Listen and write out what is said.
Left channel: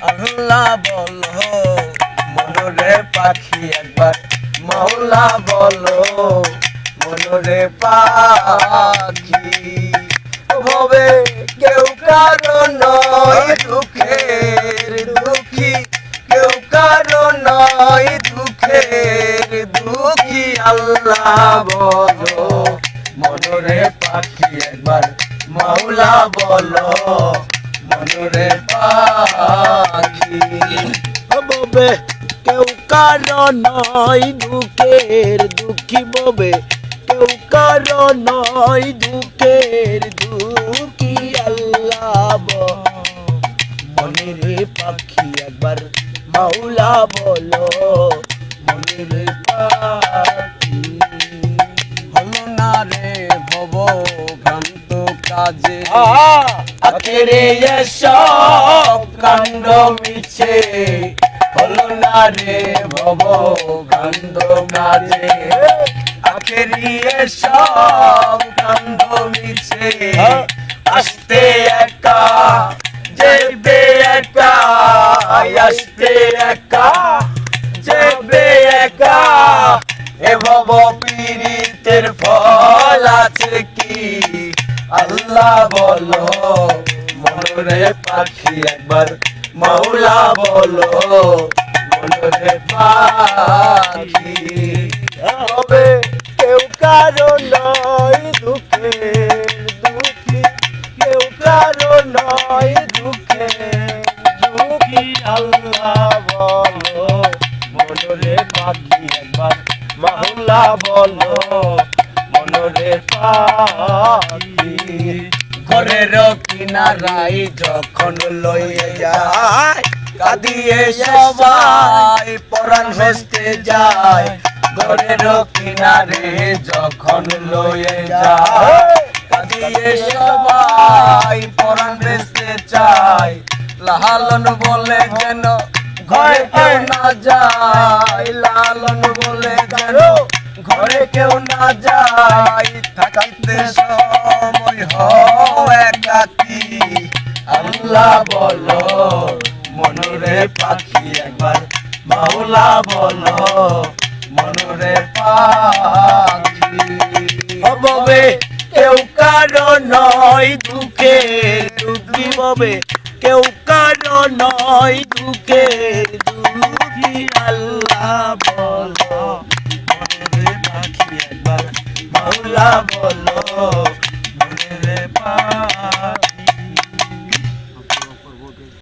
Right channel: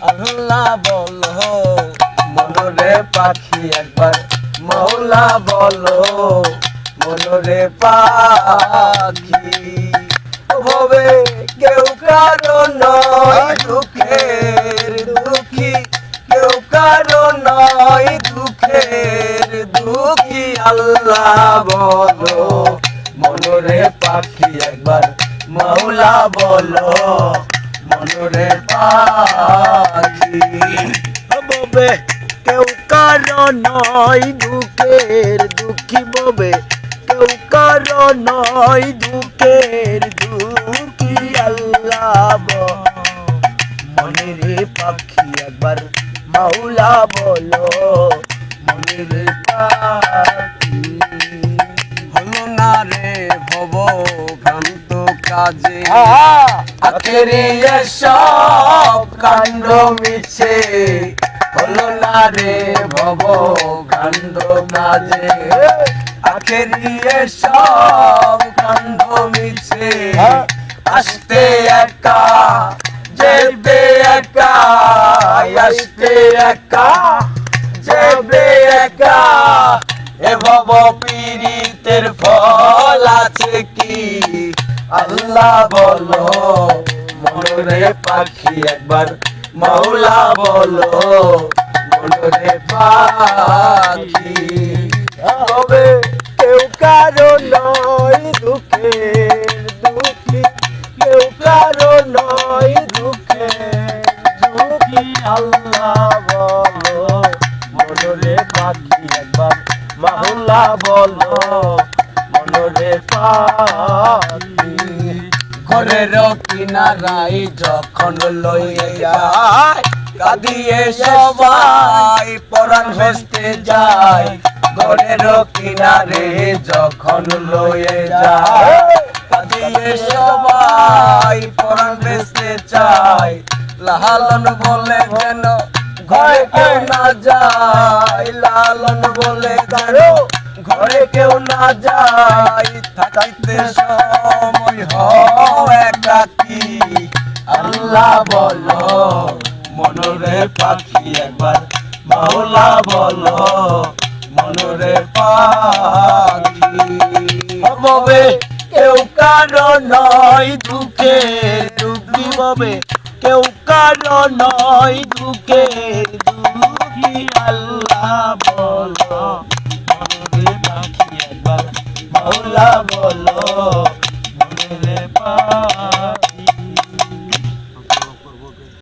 আল্লাহ বলো মনরে পাখি একবার মাওলা বলো মনরে পাখি হবে কেউ কারো নয় দুঃখের দুঃখী কেউ কারো নয় দুঃখের দুঃখী আল্লাহ বলো মনরে পাখি একবার মাওলা বলো মনরে পাখি ববে কেউ কারো নয় দুঃখের দুঃখী ববে কেউ কারো নয় দুঃখের দুঃখী আল্লাহ মনের পাখি একবার মাওলা বলো মনের পাখি হলো না রে ভব ভ্রান্ত কাজে আখেরে সব কাণ্ড মিছে হলো না রে ভব ভ্রান্ত কাজে আখেরি সব কাণ্ড মিছে আসতে একা যেতে একা আসতে একা যেতে একা এ ভব পীড়িতের ফল আছে কি আল্লাহ বলো মনরে পাখি একবার মাওলা বলো মনরে পাখি হবে কেউ কারো নয় দুঃখের দুঃখী কেউ কারো নয় দুঃখের দুঃখী আল্লাহ বলো মনরে পাখি একবার মাওলা বলো মনরে পাখি ঘরের কিনারাই যখন লইয়ে যায় কাঁদিয়ে সবাই পরাণ হস্তে যায় ঘরের কিনারে যখন লইয়ে যায় কাঁদিয়ে সবাই পরাণ হস্তে চায় লালন বলে কেন ঘরে কেউ না যায় লালন বলে কেন ঘরে কেউ না যায় থাকাইতে সময় হয় একাকী আল্লাহ বলো মনরে পাখি একবার মাওলা বলো মনরে পাখি হবে কেউ কারো নয় দুঃখের দুঃখী হবে কেউ কারো নয় দুঃখের দুঃখী আল্লাহ বলো মনরে পাখি একবার মাওলা বলো